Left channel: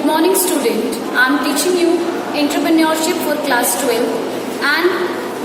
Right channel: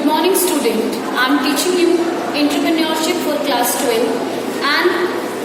Good morning, student. I am teaching you entrepreneurship for class 12, and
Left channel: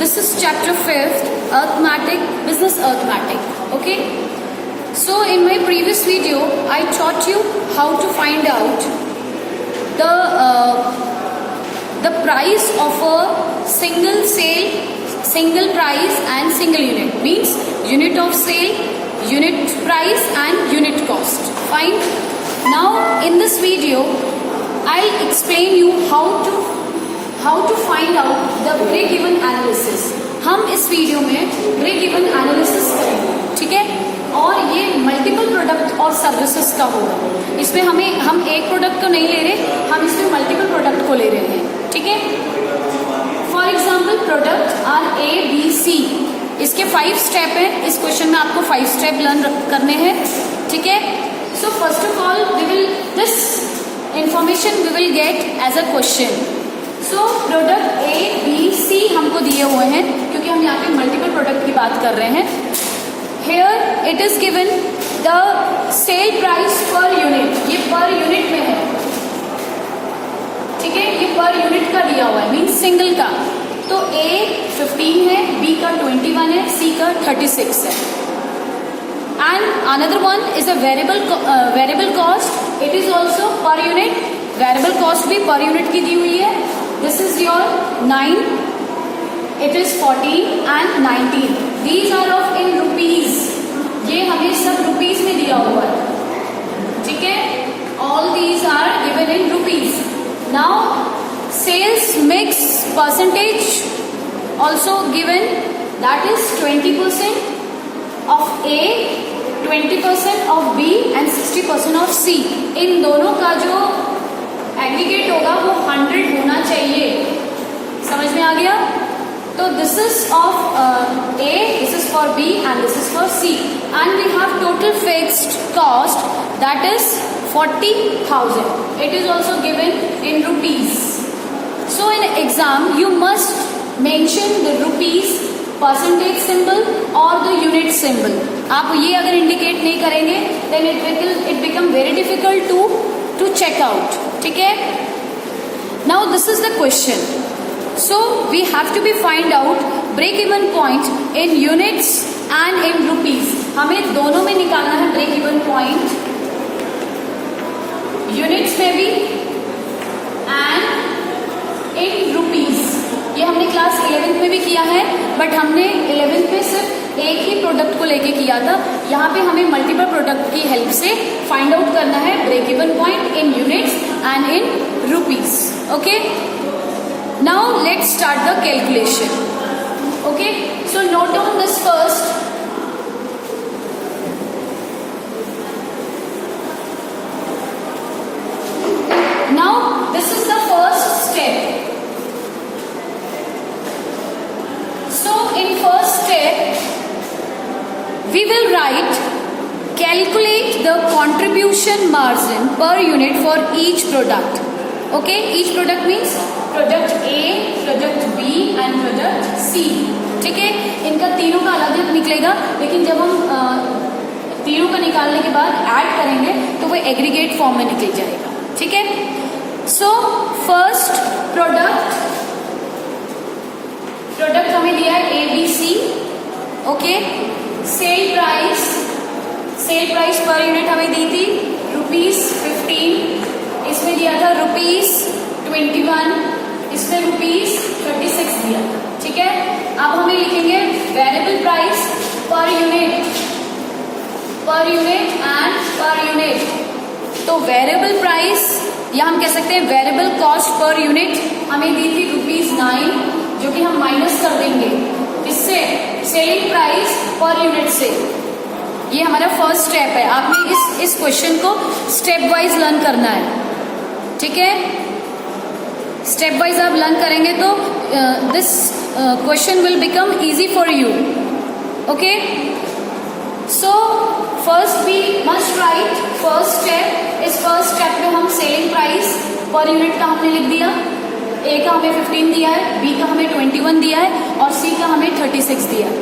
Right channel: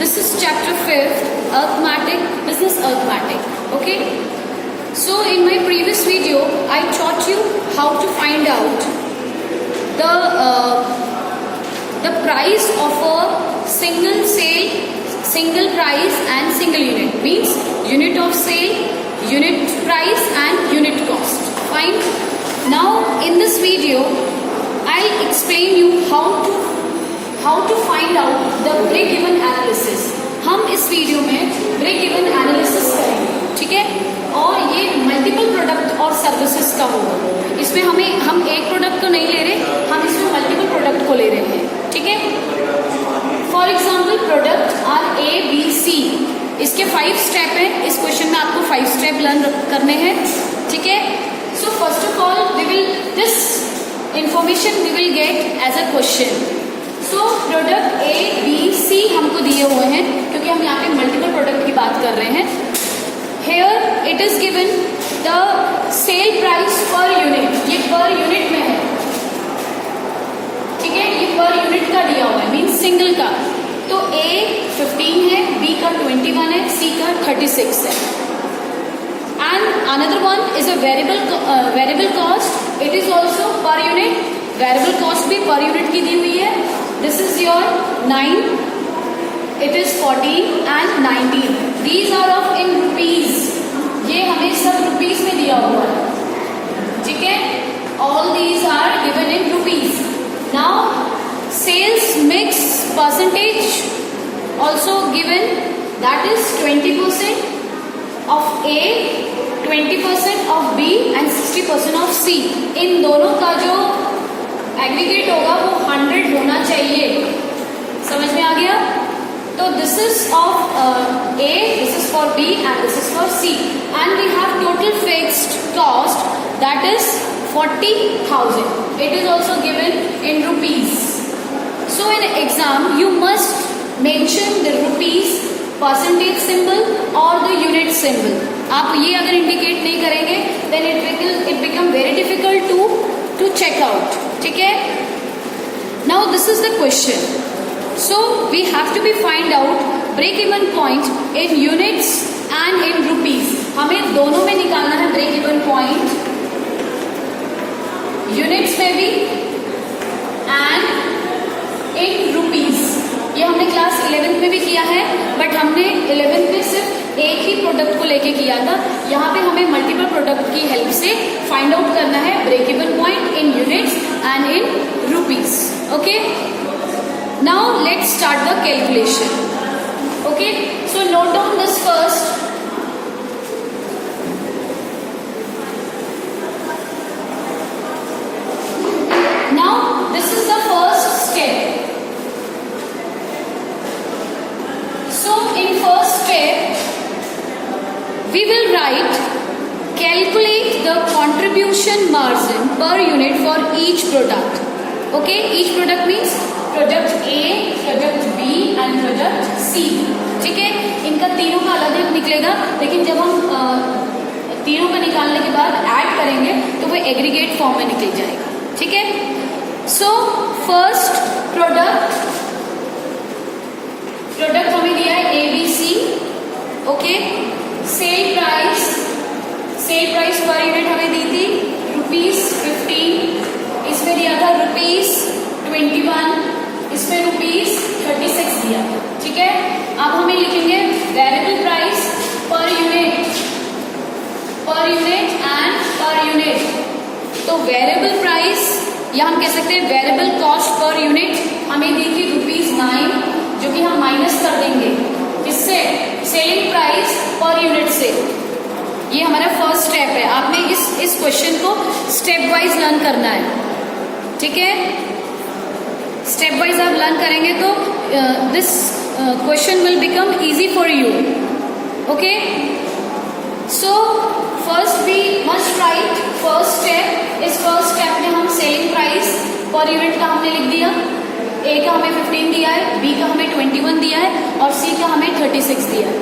this is chapter 5th, arithmetic, business arithmetic. Okay. So in my previous video, I taught you how to find out the price of a single sale, single price, and single unit. Means unit of sale, unit price, and unit cost. Fine. Now in this video, I'll explain you how to find out the break even analysis. हम इस video में break even analysis करेंगे, ठीक है। और ये multiple product और services का होगा। इसमें हम एक प्रोडक्ट को नहीं ले रहे, हम इसमें मल्टीपल प्रोडक्ट को ले रहे हैं, ठीक है। For example product are A B C, इसके 5 स्टेप है। इस क्वेश्चन में आपको 5 स्टेप लर्न करने हैं, ठीक है। So first of all this information we will get as a question. So product A B C हमको दिए हुए हैं, क्योंकि हम यहाँ पे मल्टीपल प्रोडक्ट की बात कर रहे हैं। Here it is given the sale price per unit, ये पर यूनिट में है, ठीक है। ये पर यूनिट का दिया हुआ है, मीन सिंगल का। तो ए 15 है, बी का 21 है, सी का 36 है। And another one is a variable cost, it is also per unit. Variable cost भी पर यूनिट की दी हुई है। This is your 9, it is 14 and 19। These are of in rupees, ये हमें सब रुपीज में दिया हुआ है, ठीक है। All these are given in rupees. Now sales mix percentage also given, that is 20% of A, 20% of B and 60% of C. इन दोनों का जो एग्रीगेट होगा वो 100 होना चाहिए। समझ में आ गया? तो this is of A, this is for B and this is for C. And we have total fixed cost that is 40,000. It is also given in rupees. So in exam you must mention the rupees percentage symbol और the unit symbol. आप ये अगर indicate नहीं करेंगे then it become very difficult to check out, ठीक है। Now this is the question. So we have to be find out break even point in units and in rupees. हमें दोनों में निकालना है ब्रेक इवन पॉइंट, यूनिट्स में भी and in rupees. ये हमने क्लास 11th में भी किया है, बट हमने 11th में सिर्फ एक ही प्रोडक्ट को लेके किया था। यहाँ पे हमें मल्टीपल प्रोडक्ट की हेल्प से फाइंड आउट करना है break even point in units and in rupees. Okay, now let's start the calculation. Okay, so note down this first. Now this is the first step. In first step, we will write calculate the contribution margin per unit for each product. Okay, each product means product A, product B and product C. ठीक है, इनका तीनों का अलग अलग निकलेगा, लेकिन जब हम तीनों का निकालने के बाद ऐड करेंगे तो वो एग्रीगेट फॉर्म में निकल जाएगा, ठीक है। सो फर्स्ट प्रोडक्ट हमें दिया है A B C. Okay, sale price per unit हमें दी थी ₹15. इसमें दिया था ₹21, इसमें ₹36 दिया, ठीक है। अब हमें लिखेंगे variable price per unit and पर यूनिट। तो वेरिएबल प्राइस या हम कह सकते हैं वेरिएबल कॉस्ट पर यूनिट हमें दी थी ₹9, जो कि हम माइनस कर देंगे किससे, सेलिंग प्राइस पर यूनिट से। ये हमारा फर्स्ट स्टेप है। आपने इस क्वेश्चन को स्टेप वाइज लर्न करना है, ठीक है। स्टेप वाइज आप लर्न करेंगे तो this question will become easy for you. Okay, so first we must write first step. इस फर्स्ट स्टेप में हम सेलिंग प्राइस पर यूनिट का हमने लिख दिया. ए का हमें 15 दिया है, बी का हमें 21 दिया है और सी का हमें 36 दिया है।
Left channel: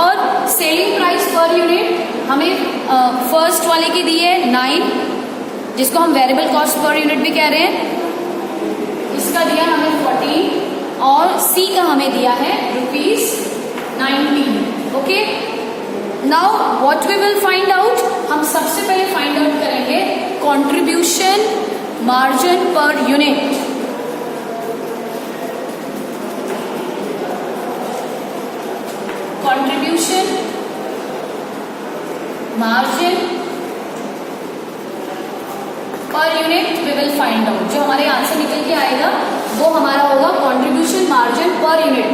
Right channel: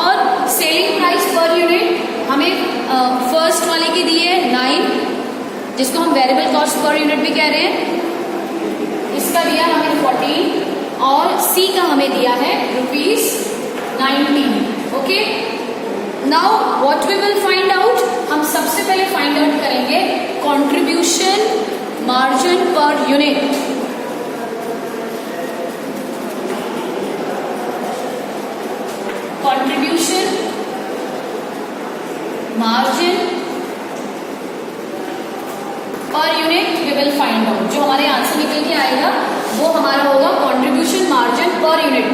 और सेलिंग प्राइस पर यूनिट हमें फर्स्ट वाले की दी है 9, जिसको हम वेरिएबल कॉस्ट पर यूनिट भी कह रहे हैं, इसका दिया हमें 14 और सी का हमें दिया है ₹19। Okay, now what we will find out, हम सबसे पहले फाइंड आउट करेंगे contribution margin per unit. Contribution margin per unit we will find out. जो हमारे आंसर निकल के आएगा वो हमारा होगा कंट्रीब्यूशन मार्जिन पर यूनिट।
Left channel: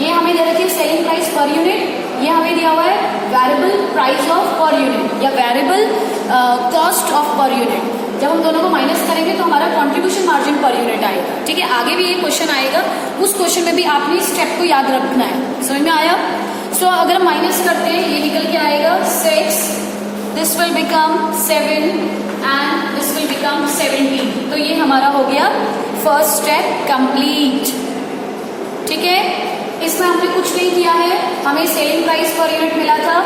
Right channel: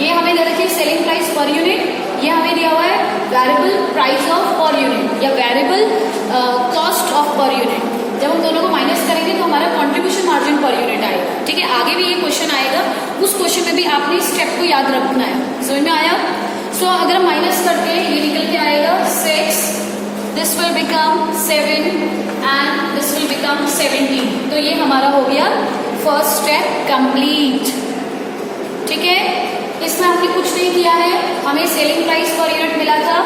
ये हमें दे रखी है सेलिंग प्राइस पर यूनिट, ये हमें दिया हुआ है variable price of per unit या variable cost of per unit. जब हम दोनों को माइनस करेंगे तो हमारा कंट्रीब्यूशन मार्जिन पर यूनिट आएगा। ठीक है, आगे भी ये क्वेश्चन आएगा, उस क्वेश्चन में भी आपने इस स्टेप को याद रखना है। समझ में आया? सो अगर हम माइनस करते हैं ये निकल के आएगा 6, this will become 7 and this will become 17। तो ये हमारा हो गया फर्स्ट स्टेप कंप्लीट। ठीक है, इसमें हमने कुछ नहीं किया है, हमें सेलिंग प्राइस पर यूनिट मिला था,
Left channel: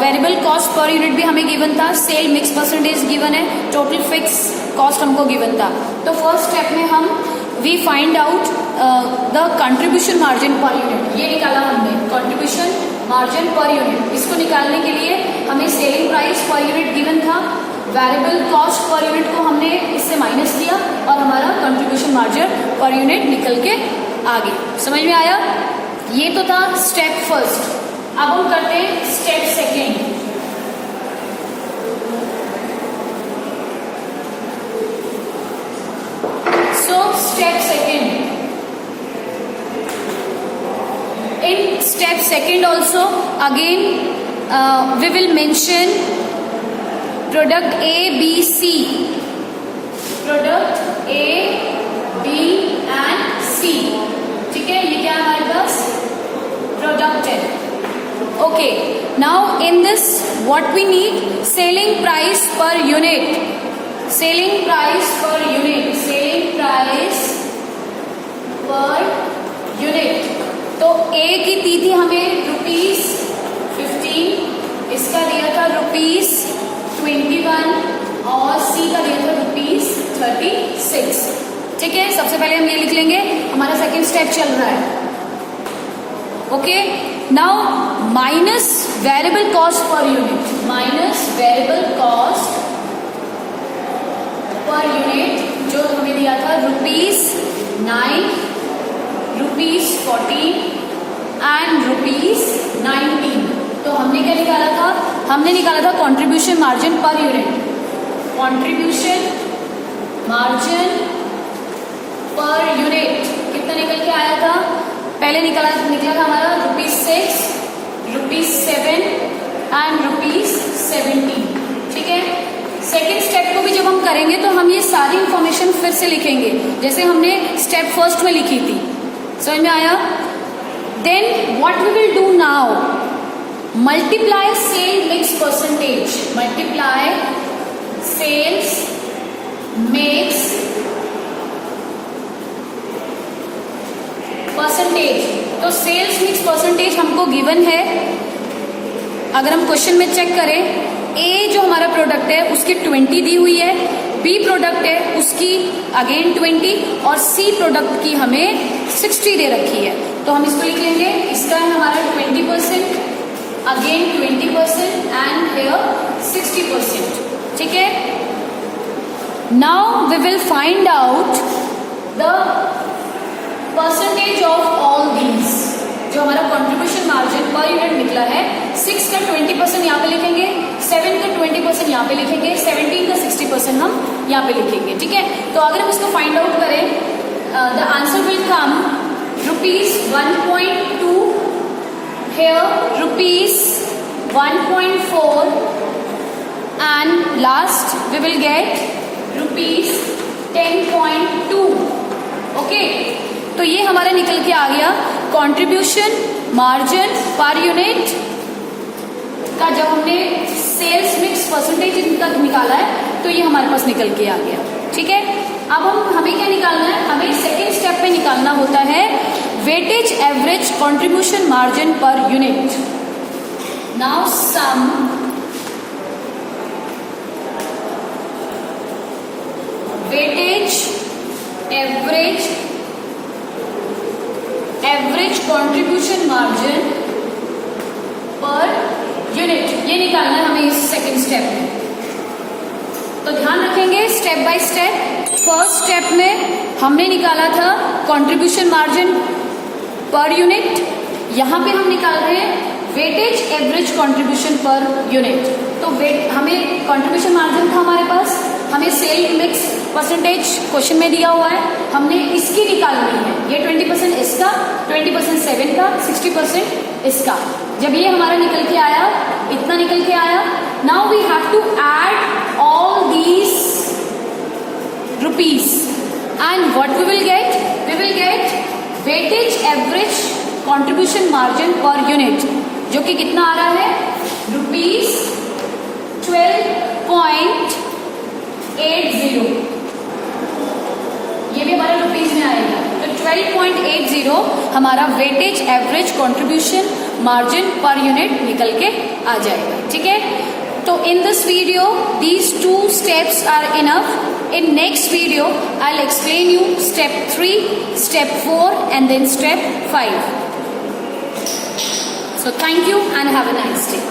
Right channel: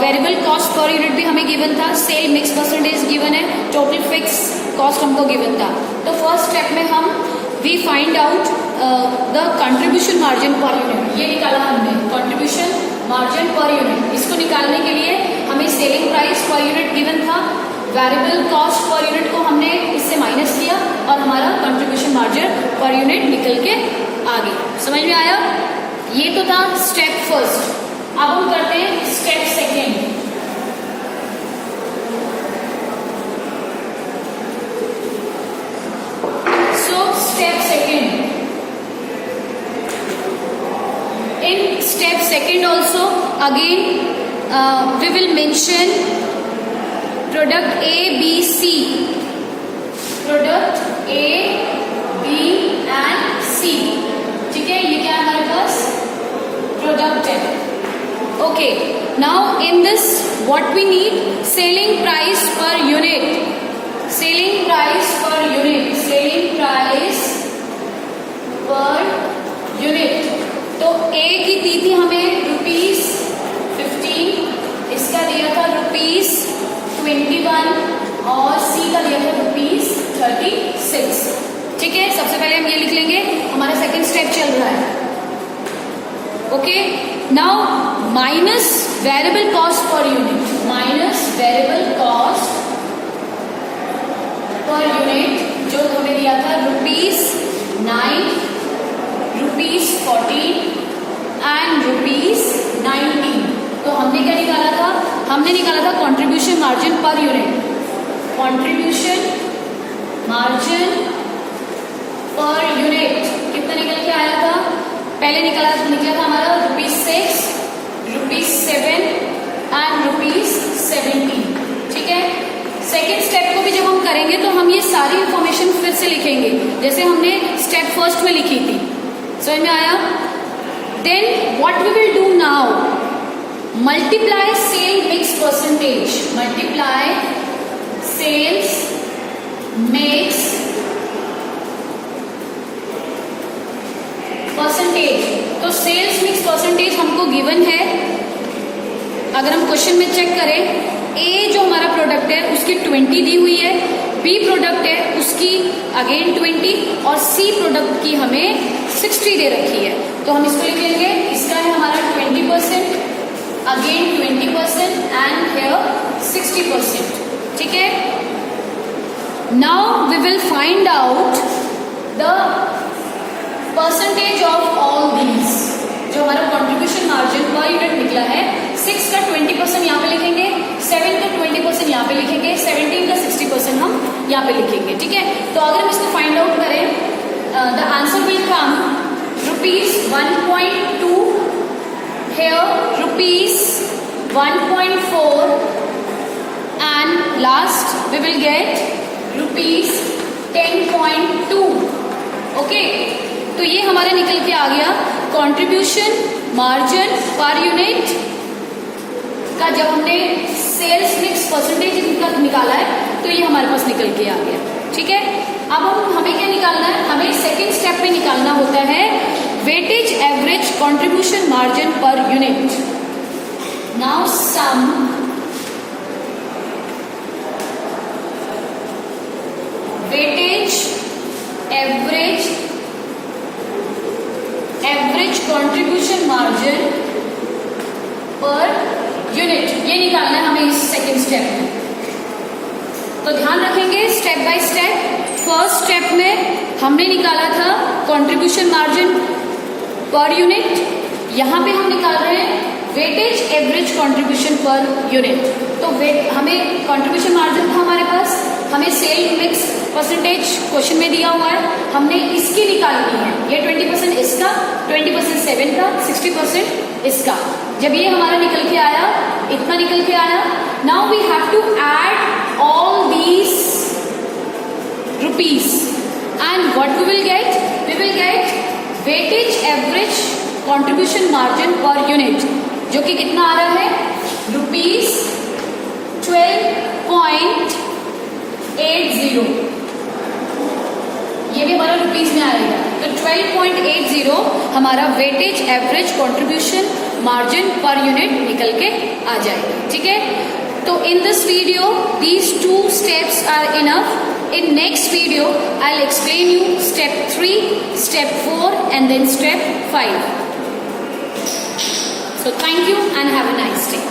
वेरिएबल कॉस्ट पर यूनिट भी हमें गिवन था, सेल मिक्स परसेंटेज गिवन है, टोटल फिक्स कॉस्ट हमको गिवन था। तो फर्स्ट स्टेप में हम we find out the contribution margin per unit, ये निकाला हमने कंट्रीब्यूशन मार्जिन पर यूनिट। इसको निकालने के लिए हमें selling price per unit given था, वेरिएबल कॉस्ट पर यूनिट को हमने इससे माइनस किया और हमारा कंट्रीब्यूशन मार्जिन पर यूनिट निकल के आ गया। समझ में आया? ये तो था स्टेप फर्स्ट। अब हम करते हैं step second. So step second, in step second also again we will mention product A B C, product A B and C. ठीक है, ये क्या है हमारे पास प्रोडक्ट है। Okay, now in this what we need selling price per unit, selling price per unit, selling price per unit. तो A की दी थी हमें ₹15, इसका दिया था ₹21 और सी का दिया था ₹36। ठीक है, सबसे पहले हम ये लिख लेंगे, हमारा सेकेंड स्टेप चल रहा है। Okay, now minus variable cost per unit, minus variable cost per unit जो हमें दिया था ₹9, ₹14 एंड ₹19। तो हमने क्या निकाला था? हमने निकाला था contribution margin per unit, contribution margin per unit कितना निकल के आया था? पहले निकला था हमारा ₹6, ₹7 एंड ₹17। ठीक है, सेकेंड स्टेप को भी जब हम करेंगे तो हम ये सारी इंफॉर्मेशन फिर से लिखेंगे जैसे हमने स्टेप फर्स्ट में लिखी थी। समझ में आया? Then what we will do now, multiply sale mix percentage, multiply sales mix percentage. तो सेल्स मिक्स परसेंटेज हमको गिवन है, अगर हम क्वेश्चन में चेक करें, ए जो हमारा प्रोडक्ट है उसकी 20 दी हुई है, बी प्रोडक्ट है उसकी अगेन 20 और सी प्रोडक्ट की हमें 60 दे रखी है। तो हम इसको लिख लेंगे, इसका है हमारा 20%, अगेन 20% एंड हियर 60%। ठीक है, now we will find out the percentage of all these. जो हमारा कंट्रीब्यूशन मार्जिन पर यूनिट निकला है, 6 का 20% यहाँ पे लिखेंगे, 7 का 20% यहाँ पे लिखेंगे, 17 का 60% हम यहाँ पे लिखेंगे। ठीक है, तो अगर हम इसको फाइंड आउट करें, the answer will come ₹1.2, here ₹1.4 and last we will get ₹10.2। Okay, तो ये हमारा निकल के आ गया कंट्रीब्यूशन मार्जिन पर यूनिट का। जब हमने सेल्स मिक्स परसेंटेज निकाला है तो ये हमारे पास निकल के आ गया। ठीक है, अब हमें क्या निकालना है? हमें सेकेंड स्टेप में निकालना होता है weightage average contribution margin per unit. Now sum weightage average contribution margin per unit, ये निकालना है हमें इस सेकेंड स्टेप में। तो ध्यान रखेंगे step by step. First step में हमने निकाला था कंट्रीब्यूशन मार्जिन पर यूनिट, यहां पे हम निकाल रहे हैं वेटेज एवरेज कंट्रीब्यूशन पर यूनिट। तो हमें कंट्रीब्यूशन मार्जिन था हमारे पास, हमें सेल मिक्स परसेंटेज क्वेश्चन में दिया हुआ है, हमने इसकी निकालनी है। ये 20% इसका, 20% 7 का, 60% इसका। जब ये हमारा निकल के आया, इतना निकल के आया, now we have to add all these rupees and what we will get, we will get weightage average contribution margin per unit, जो कि कितना आ रहा है, ₹12.80। ये भी हमारा रुपीज में आएगा। तो 12.80 हमारा weightage average contribution margin per unit निकल के आ जाएगा। ठीक है, तो in this video these 2 steps are enough. In next video I will explain you step 3, step 4 and then step 5. So thank you and have a nice day.